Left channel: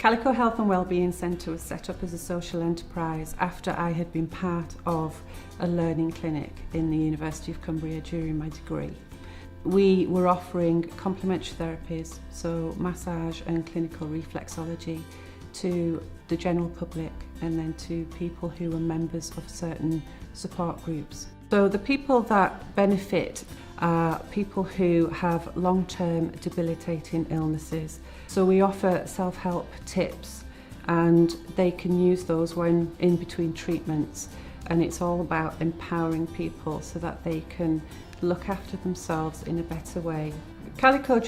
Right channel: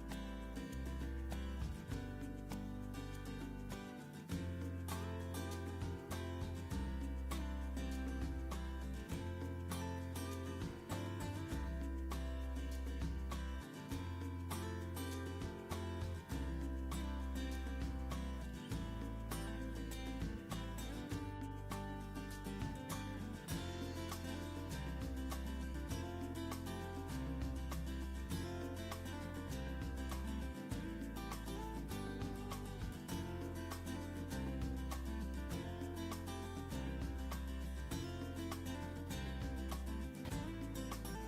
Calico Health and Wellbeing Centre was set up as a social enterprise after I had been part of a learning clinic in the University of Cumbria during my degree. We were offering complementary therapies, so massage and clinical reflexology, to the general public and then to people who are members of certain support groups. So the people that benefit are people who have long-term debilitating illnesses. So we offer self-help tips and they can use those when in between treatments, and it's all about empowering people so that they can look after themselves in a better way. Calico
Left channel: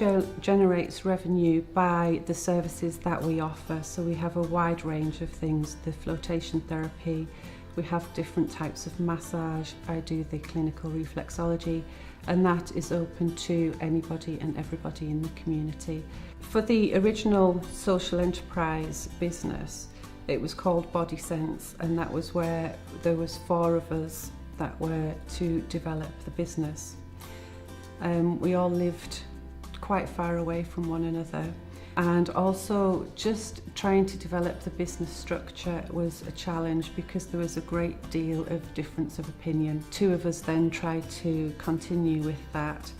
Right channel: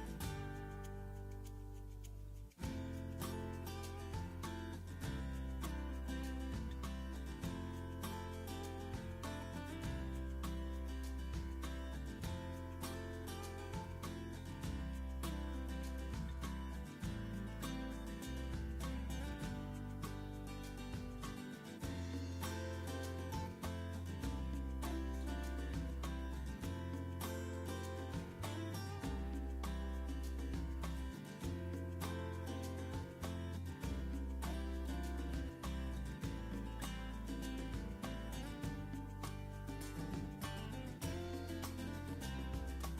generates revenue by the services that we offer, so we have a wide range of things, the flotation therapy, we have different types of massage, I do the clinical reflexology, and that is open to anybody and everybody in the community. For the original social enterprise business, it was called Body Sense, and that was where there was 4 of us that were to develop the business. We all lived quite far away from one another, and also just trying to develop the business structure was a challenge because there was a great deal of difference of opinion. 2 of us then tried to continue with that,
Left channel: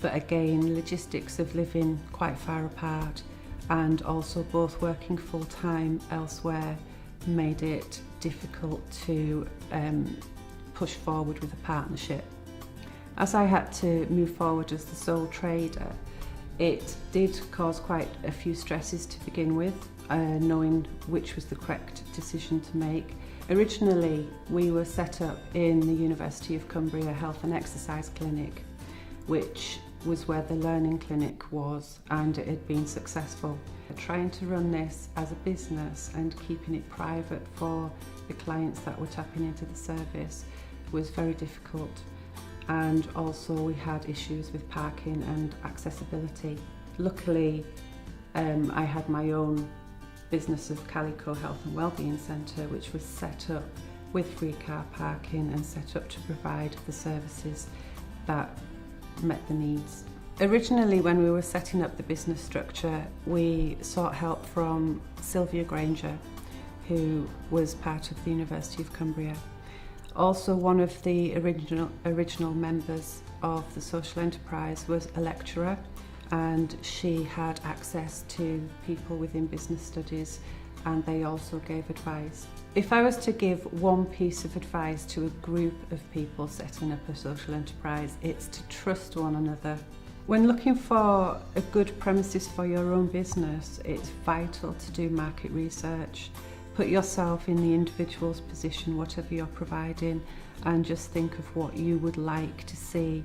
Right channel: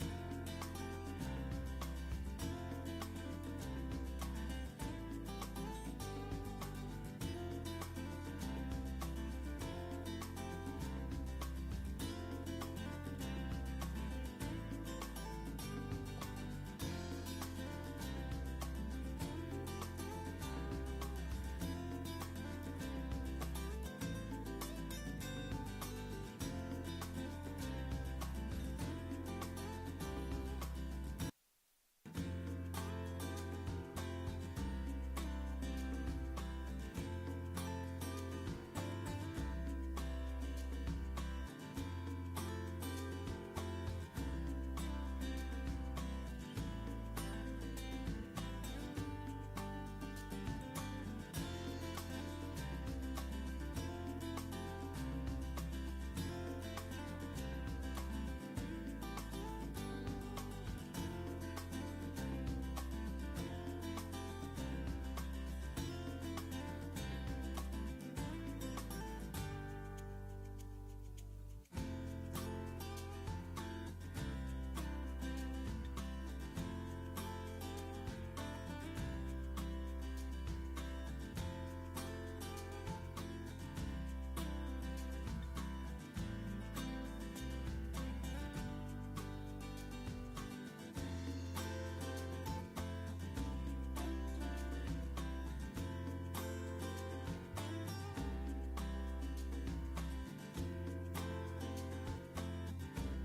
but again, logistics of living quite far apart and also both working full-time elsewhere made it difficult to push forward with a partnership. As I had to move forward as the sole trader, it did cause quite a few stresses to begin with, knowing which was the correct decision to make. Originally, we were set up in the University of Cumbria Health and Exercise Clinic, which was where the learning clinic was, and it had been successful. Trying to run this as a business and keeping it private for the clients that were tapping into the service was very difficult. And also we had issues with parking and accessibility. Luckily, I had my own business of Calico Health and Wellbeing Centre, which was set up with free car parking and set up to provide the services that met the needs. Originally, when we were setting up the business structure, we sought help from Sylvia Granger, who was part of the University of Cumbria. Also, one of the original members of the social enterprise was a lecturer, and she had access to people within business studies, and they also gave advice. If I was to give one piece of advice to a group of people setting up a social enterprise, it's to trust one another. When looking for a good premises for your own business, it's vital to do market research. Put yourself in the individual's position, whatever you're providing, and just think of what you would like to see.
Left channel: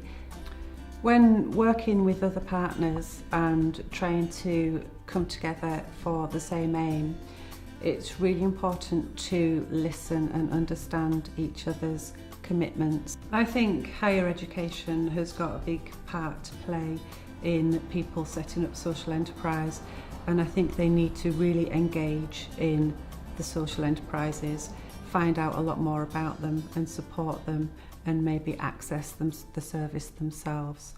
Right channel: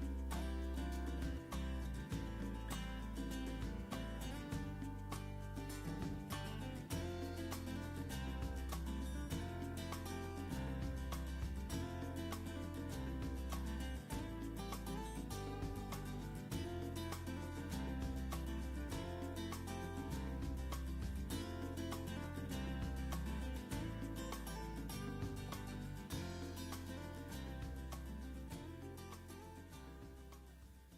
When working with other partners and trying to come together for the same aim, it's really important to listen and understand each other's commitments. I think higher education has got a big part to play in people setting up social enterprise, and I think they need to really engage in the social enterprises, find out a lot more about them and support them, and maybe access the service themselves.